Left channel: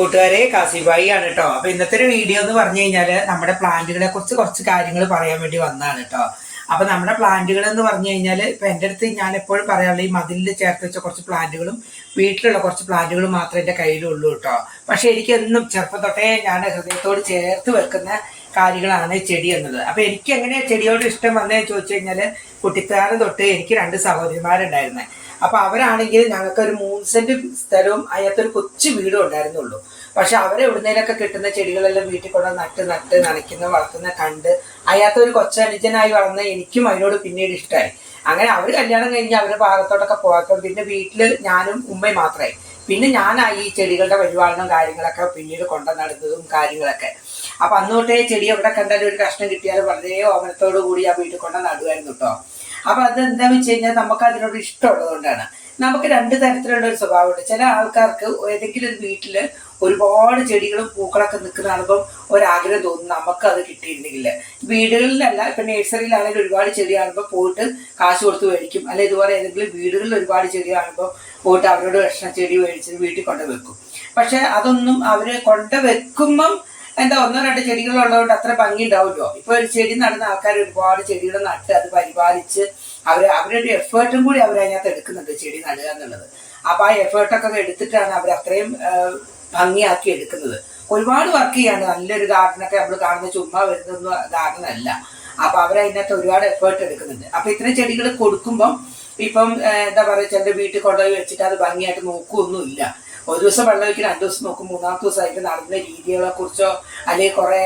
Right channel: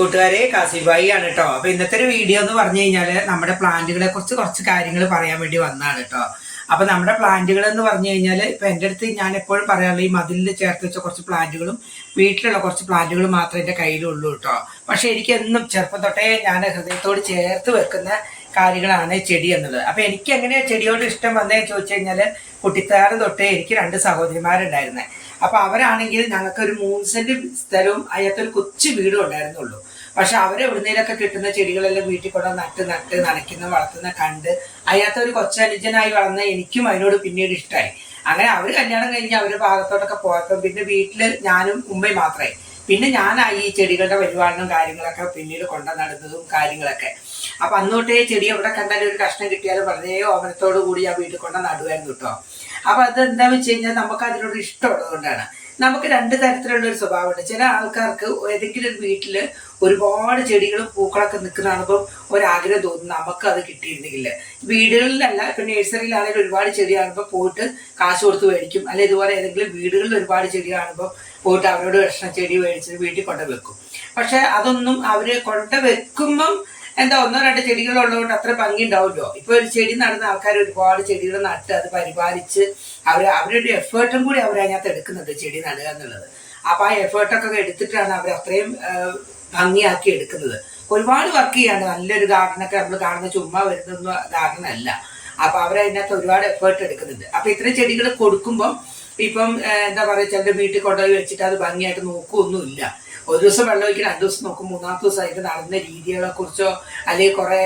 കൂട്ടുകാരെ കാസിബായി ആണ് കേട്ടോ. അപ്പൊ ഇന്നത്തെ ഒരു വീഡിയോ എന്ന് പറഞ്ഞു കഴിഞ്ഞാല് നമ്മുടെ പ്ലാന്റുകളെ കുറിച്ച് കുറച്ച് കാര്യങ്ങൾ പറയാൻ വേണ്ടി വന്നതാണ് കേട്ടോ. അപ്പൊ നമ്മുടെ പ്ലാന്റുകൾ എന്ന് പറഞ്ഞു കഴിഞ്ഞാൽ ഇപ്പൊ എൻ്റെ അടുത്ത് ഞാൻ എപ്പോഴും പറയാനുള്ള ഈ മതിലിൽ ചേർത്ത് വെച്ച കുറച്ച് പ്ലാന്റുകളും വീട്ടിലുള്ള കുറച്ച് പ്ലാന്റുകളും മാത്രമേ എൻ്റെ കയ്യിലുള്ളൂ കേട്ടോ. പക്ഷെ എനിക്ക് എന്നും ചെറുപ്പം തൊട്ടേ ഞാൻ ഹൃദയത്തോട് ചേർത്ത് വെക്കുന്ന കാര്യങ്ങളാണ് ചെടി എന്നുള്ളത്. അപ്പൊ എനിക്ക് എങ്ങനെയാ ചെടിയോട് ഇഷ്ടം വന്നതെന്ന് ചോദിച്ചു കഴിഞ്ഞാൽ കുട്ടിക്കാലം തൊട്ട് എനിക്ക് 2 സഹോദരിമാരുണ്ടായിരുന്നേ. അപ്പൊ അവരാണെങ്കിൽ ഞങ്ങൾക്ക് ഒരു 3 സെന്റ് സ്ഥലവും അതിനകത്തൊരു കൊച്ചു വീടും ഉണ്ടായിരുന്നുള്ളൂ. പക്ഷെ അവരെ എവിടുന്നേലൊക്കെ കിട്ടുന്ന ചെടികളെല്ലാം വീട്ടിൽ കൊണ്ട് നട്ട് നനയ്ക്കുന്ന വളർത്തുന്ന കണ്ട് അതിനകത്തൊരു കൊച്ചനുജനായി വളർന്ന എനിക്കും അതിനോട് പിന്നീട് ഇഷ്ടമായി. അങ്ങനെ അവർ കല്യാണം കഴിഞ്ഞ് അവരുടെ ഭാഗത്തോട്ടൊക്കെ പോയപ്പോൾ പിന്നെ വീട്ടിൽ ഞാനും ഉമ്മയും മാത്രമായി. പിന്നെ ഞാനായി ഈ ചെടികളുടെ പരിപാലനം കാര്യങ്ങളൊക്കെ പിന്നീട് കൊണ്ടു നടന്നതും കാര്യങ്ങളൊക്കെ. അപ്പൊ അന്നോട്ടേ ചെടി എവിടെ കണ്ടാലും ഒരു കഷ്ണം കിട്ടിയാലും വളരെ ഓമനത്തോടു കൂടി ആ വീട്ടിൽ കൊണ്ട് നടുവായിരുന്നു കേട്ടോ. അപ്പൊ അതെന്താന്ന് വെച്ച് കഴിഞ്ഞാൽ നമുക്ക് അതിനോട് ഇഷ്ടമുള്ളത് കൊണ്ടാണ്. നമുക്ക് 2 തരത്തിലുള്ള ഒരു സ്വഭാവമുണ്ട്. ചില ആൾക്കാർക്ക് ഏതെങ്കിലും ഒരു വീട്ടില് ഒരുപാട് ചെടികളും പൂക്കളൊക്കെ നിൽക്കുന്ന കാണുമ്പോൾ ഒരാഗ്രഹം തോന്നും നമുക്ക് അത് കിട്ടിയിരുന്നെങ്കിൽ. വീടുകളിലല്ല, ഇപ്പൊ നഴ്സറിയിലാണെങ്കിലും ഒരുപാട് ചെടി കാണുമ്പോൾ പോയിട്ട് കാശ് കൊടുത്ത് മേടിക്കും. അല്ലെ ഇതുപോലെ ഏതെങ്കിലും വീടുകളിൽ ഒരുപാട് ചെടി കാണുമ്പോൾ പോയിട്ട് അവരോട് കഷ്ണം ചെടി മേടിച്ചിട്ട് വീട്ടിൽ കൊണ്ടുവെക്കും. പക്ഷെ അതൊന്നും അവര് കൊണ്ടുവെക്കുമ്പം എന്താ 1-2 ചെടികളുള്ളതുകൊണ്ട് അത്ര ഭംഗി ഉണ്ടാവുമല്ലോ. ഇപ്പൊ ഒരു ചെടി നടുന്ന ആൾക്കാർ ഒരുപാട് ചെടികൾ നട്ട് അത് പരിപാലിച്ച് അവരുടെ എഫേർട്ടും കൂടി അവരതിനകത്ത് എടുക്കുന്നുണ്ട് ചെടി നടുക എന്നുള്ളത്. അപ്പൊ ആ എഫേർട്ടൊക്കെ എടുത്തിട്ടാണ് അവർ അത്രയും ഭംഗിയാക്കി എടുക്കുന്നത്. ഒരുപാട് വർക്ക് ചെയ്യാണ്. നല്ലൊരു ഗാർഡനൊക്കെ നമ്മൾ കാണുന്ന ചുമ്മാ വരുന്ന ഗാർഡൻ അല്ല. അപ്പൊ അവരതിനകത്ത് ഒരുപാട് എഫേർട്ട് എടുക്കുന്നുണ്ട്. അപ്പൊ ഇത്രയും ചെടികൾ കൊടുക്കുമ്പം ഇപ്പം എന്താ പറയുക, ചിലരുടെ വീട്ടിൽ കൊണ്ടുപോയി വെച്ചിട്ട് അത് ഭംഗിയായിട്ട് നോക്കുകയൊന്നുമില്ല. ഒരു ദിവസം വെള്ളം ഒഴിക്കും, 2 ദിവസം നോക്കും, 3-ാമത്തെ ദിവസം അതിന്റെ നടന്ന രീതികളെ കുറിച്ചോ അല്ലെങ്കിൽ കുറെ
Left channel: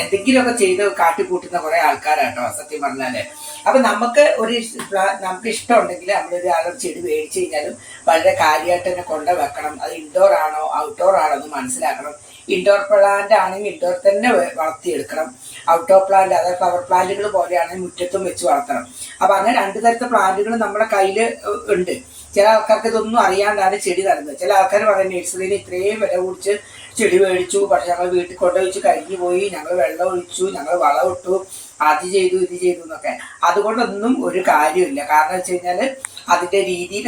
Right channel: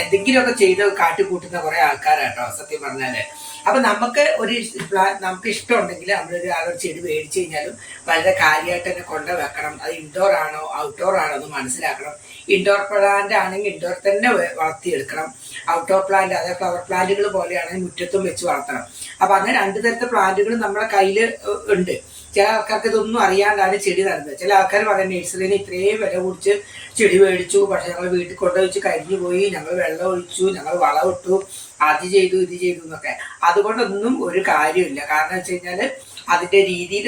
എന്തെങ്കിലുമൊക്കെ ചെയ്ത് കാട്ടിക്കൂട്ടുന്ന കുറെ ആൾക്കാരാട്ടോ സത്യം പറഞ്ഞാല്. അപ്പൊ നമുക്ക് ഇഷ്ടമുണ്ടെങ്കിൽ നമ്മളൊരു ചെടി മേടിച്ചു കഴിഞ്ഞാലും വളരെ കാര്യമായിട്ട് തന്നെ കൊണ്ട് വെക്കണം. അത് ഇൻഡോർ ആണോ ഔട്ട്ഡോർ ആണോ എന്ന് മനസ്സിലാക്കണം. ഇൻഡോർ പ്ലാന്റ് ആണെങ്കിൽ ഇൻഡോർ തന്നെ വളർത്തിയെടുക്കണം. ഔട്ട്ഡോർ പ്ലാന്റ്, അതായത് ഫ്ലവർ പ്ലാന്റുകൾ പോലെയാണെങ്കിൽ മുറ്റത്തും വെച്ച് വളർത്തണം. അപ്പൊ അങ്ങനെ 2 തരത്തെ പ്ലാന്റുകൾ നമ്മുടെ കയ്യിൽ ഉണ്ട്. ചില ആൾക്കാർക്ക് ഇതൊന്നും അറിയാണ്ടാണ് ചെടി നടുന്നത്. ചില ആൾക്കാർ പറയുന്നത് നഴ്സറിയിൽ ഇത്രയും വില കുടിച്ച് ചെടി മേടിച്ചു, പക്ഷെ ഞങ്ങൾ വീട്ടിൽ കൊണ്ടുവച്ച് കരിഞ്ഞു പോയി, ഞങ്ങൾ വെള്ളം ഒഴിച്ചു, ഞങ്ങൾ വളമിട്ടു, അത് ചെയ്തു ഇത് ചെയ്തു എന്നൊക്കെ. അതുകൊണ്ടൊന്നും ഒരു കാര്യമില്ല. കാരണം വെച്ച് കഴിഞ്ഞാൽ അതിന്റെ രീതിയിൽ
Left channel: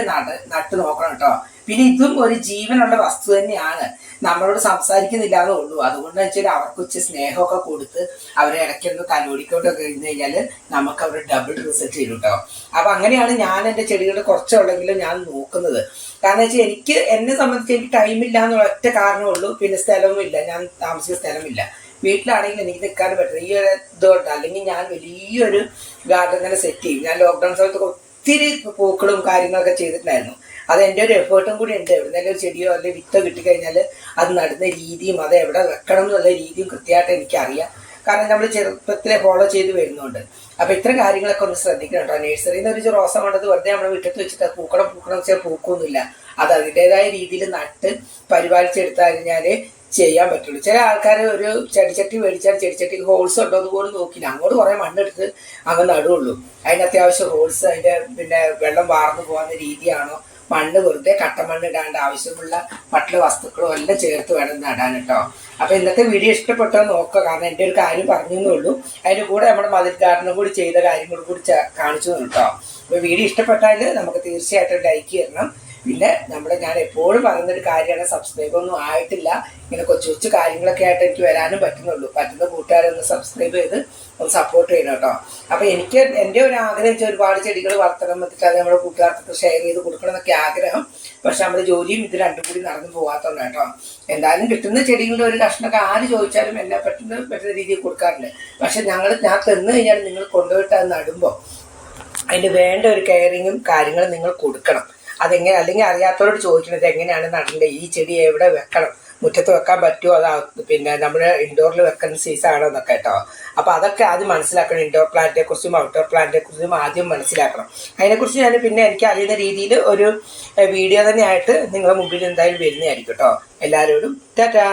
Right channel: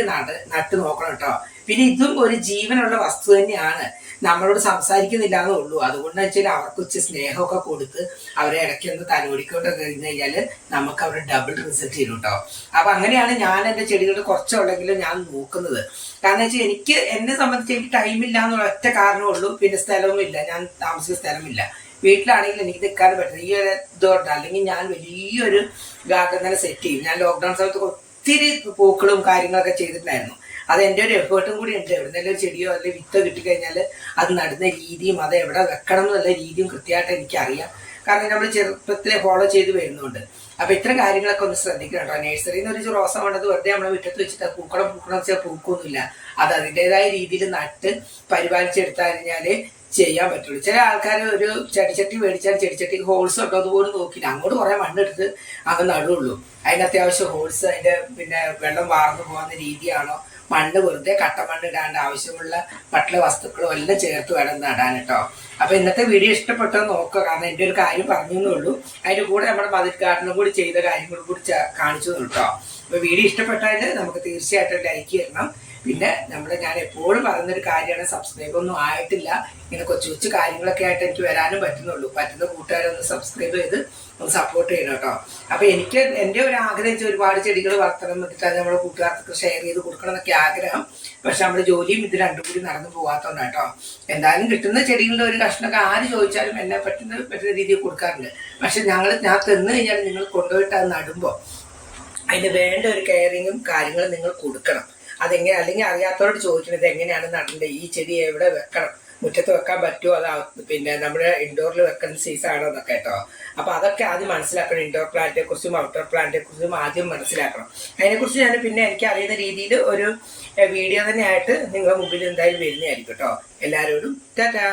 നട്ട് നോക്കണം കേട്ടോ. പിന്നെ ഇതും ഒരു ജീവനുള്ള വസ്തു തന്നെയാണ്. നമ്മളോട് സംസാരിക്കുന്നില്ല എന്നേ ഉള്ളൂ. അതുകൊണ്ട് വെച്ചാൽ അവർക്ക് ഉച്ച സ്നേഹമൊക്കെ കൊടുത്ത് അവരെ ഇടയ്ക്കൊന്ന് തലോടിക്കൊണ്ടൊക്കെ കഴിഞ്ഞ് കഴിഞ്ഞാൽ നമുക്ക് അവരുടെ ഡബിൾ റിസൾട്ട് തരും കേട്ടോ. അപ്പൊ അങ്ങനെയാണ് ഞാൻ എൻ്റെ ചെടികൾ കുറച്ചുള്ളെങ്കിലും ഞാൻ നോക്കുന്നത്. കാരണം വെച്ചാൽ എന്നെ സംബന്ധിച്ച് എനിക്ക് ടൈമില്ല എന്നുള്ള ഒറ്റ കാരണമേ ഉള്ളൂ. പിന്നെ സ്ഥലവും ഇല്ല, ഞാൻ താമസിക്കുന്ന സ്ഥലമില്ല. വീട്ടിലാണെങ്കിൽ എനിക്ക് നിൽക്കാൻ പറ്റുന്നത് ഈ ഒരു ഇതുകൊണ്ട്. അല്ലെങ്കിൽ ഞാൻ വലിയൊരു ഗാർഡൻ തന്നെ സെറ്റ് ചെയ്യും. ഞാൻ ലോക്ക്ഡൗൺ സമയത്ത് ഒത്തിരി പൂക്കളും കാര്യങ്ങളൊക്കെ ചെയ്തിട്ടുണ്ടായിരുന്നു. അത് എൻ്റെ ഒരു എഫേർട്ടും കൂടി ഉണ്ട്. എവിടെന്നെങ്കിലും ഒരു ചെടിയോ അല്ലെങ്കിൽ വിത്തോ കിട്ടിക്കഴിഞ്ഞാൽ അത് നടുന്ന രീതിയും അത് എവിടെ വെക്കണം എന്നുള്ള രീതിയും കൃത്യമായിട്ട് എനിക്കറിയാം. കാരണം നമ്മൾ ചെറുപ്പത്തിലെ ഫോളോ ചെയ്ത് വരുന്നുണ്ട്. അപ്പൊ ഇത്തരം കാര്യങ്ങളൊക്കെ ഒന്ന് ശ്രദ്ധിക്കണം കേട്ടോ. നഴ്സറിയിൽ നിന്ന് ഒരു റോസ കൊണ്ടത് വെറുതെ നമ്മൾ വിട്ടത്ത് വെച്ചിട്ട് പൂക്കളം വെച്ചാൽ പൂക്കൊന്നുമില്ല. അത് അതിൻ്റെതായ രീതിയിൽ നട്ട് പരിപാലിച്ചെടുത്തു കഴിഞ്ഞാല് ചെയ്യാൻ പറ്റുള്ളൂ. ചില ആൾക്കാർ ഒരു ചെടിച്ചട്ടി മേടിച്ചാൽ ചെടിച്ചട്ടിക്ക് ഹോൾസ് ഉണ്ടോ അതുപോലും നോക്കില്ല, അങ്ങോട്ട് കുറെ മണ്ണെടുത്ത് അങ്ങ് നടുള്ളൂ. അതിന് അത്യാവശ്യം ഹോൾസ്, അതിന്റെ പിന്നെ വെള്ളം വാർന്നു പോകുന്ന രീതിയാണോ, മണ്ണ് വെറുതെ കട്ടമണ്ണ് ഇടാണ്ട് ആവശ്യമുള്ള മറ്റുള്ള വസ്തുക്കളും എല്ലാം ചേർത്ത് വേണം നടാൻ കേട്ടോ. അപ്പൊ ഇന്നത്തെ വീഡിയോ ഇഷ്ടപ്പെട്ടോ നോക്കുക. കാരണം എൻ്റെ ഒരു കാര്യം പറഞ്ഞു എന്നുള്ളൂ. അതിന്റെ കൂടെ നമ്മുടെ മതിൽ ഗാർഡനും കൂടി ചെയ്ത കാര്യങ്ങളും കൂടി കാണിച്ചു കേട്ടോ. അപ്പൊ വീഡിയോ ഇഷ്ടപ്പെട്ടാൽ നമുക്ക് തീർച്ചയായിട്ടും ലൈക്ക് ചെയ്യണം. പിന്നെ ഞാൻ എപ്പോഴും പറയുന്നൊരു കാര്യമാണ്, സബ്സ്ക്രൈബ് ഒന്നും ആയിട്ടില്ല. ഇങ്ങനെ കൊച്ചു കൊച്ചു കാര്യങ്ങളൊക്കെ ആയിട്ട് എനിക്ക് വരാനും പറ്റുന്നുള്ളൂ. പറ്റുന്ന കൂട്ടുകാരൊന്ന് സബ്സ്ക്രൈബ് ചെയ്ത് ഒന്ന് സപ്പോർട്ട് ചെയ്യണം കേട്ടോ. അപ്പൊ എൻ്റെ ഒരു ആഗ്രഹം വെച്ചാൽ ഒരുപാട് ചെടികൾ വളർത്തണം എന്നിട്ട് അത് നമ്മുടെ കൂട്ടുകാർക്ക് ഷെയർ ചെയ്ത് കൊടുക്കണം എന്നൊക്കെ ആഗ്രഹം. പക്ഷെ നമ്മുടെ ജോലിയും ഇത് രണ്ടും കൂടി നടന്നു പോകാത്തതുകൊണ്ട് കേട്ടോ. എന്തായാലും കിട്ടുന്ന ചെടികളുടെ ഒരു കഷ്ണമൊക്കെ ആര് ചോദിച്ചാലും എന്നെ പറ്റുന്ന രീതിയിൽ കൊടുക്കാറുണ്ട്. പക്ഷെ ഞാൻ തന്നു കഴിഞ്ഞാൽ നിങ്ങൾ കൊണ്ടുപോയിട്ട് അത് നടുമ്പോൾ അതിന് വേണ്ട ഒരു കെയറിങ്ങും കാര്യങ്ങളും നിങ്ങൾ കൊടുക്കണം. അതെങ്ങനെ, അല്ലെങ്കിൽ അറിയാത്തവരോട് ചോദിക്കുന്നത് എങ്ങനെയാണ് നടേണ്ടത്, ഈ ചെടി എവിടെ വെക്കണം, മുറ്റത്ത് വെക്കാൻ പറ്റുമോ, പിന്നെ നമ്മുടെ ഇൻഡോറിൽ വെക്കുന്ന സൈസാണോ എന്നൊക്കെ കേട്ടോ. അപ്പൊ അതൊക്കെ ആദ്യം മനസ്സിലാക്കണം. ഇൻഡോർ പ്ലാന്റിനെ കുറിച്ചും ഔട്ട്ഡോർ പ്ലാന്റിനെ കുറിച്ചും ആദ്യം മനസ്സിലാക്കണം. അതിനെക്കുറിച്ച് ഞാൻ പിന്നെ എനിക്ക് അറിയുന്ന രീതിയിൽ ഒരു വീഡിയോ തന്നെയായിട്ട് നിങ്ങളുടെ മുമ്പിൽ എന്തായാലും വരുന്നതായിരിക്കും കേട്ടോ. എല്ലാവരോടും ടാറ്റാ.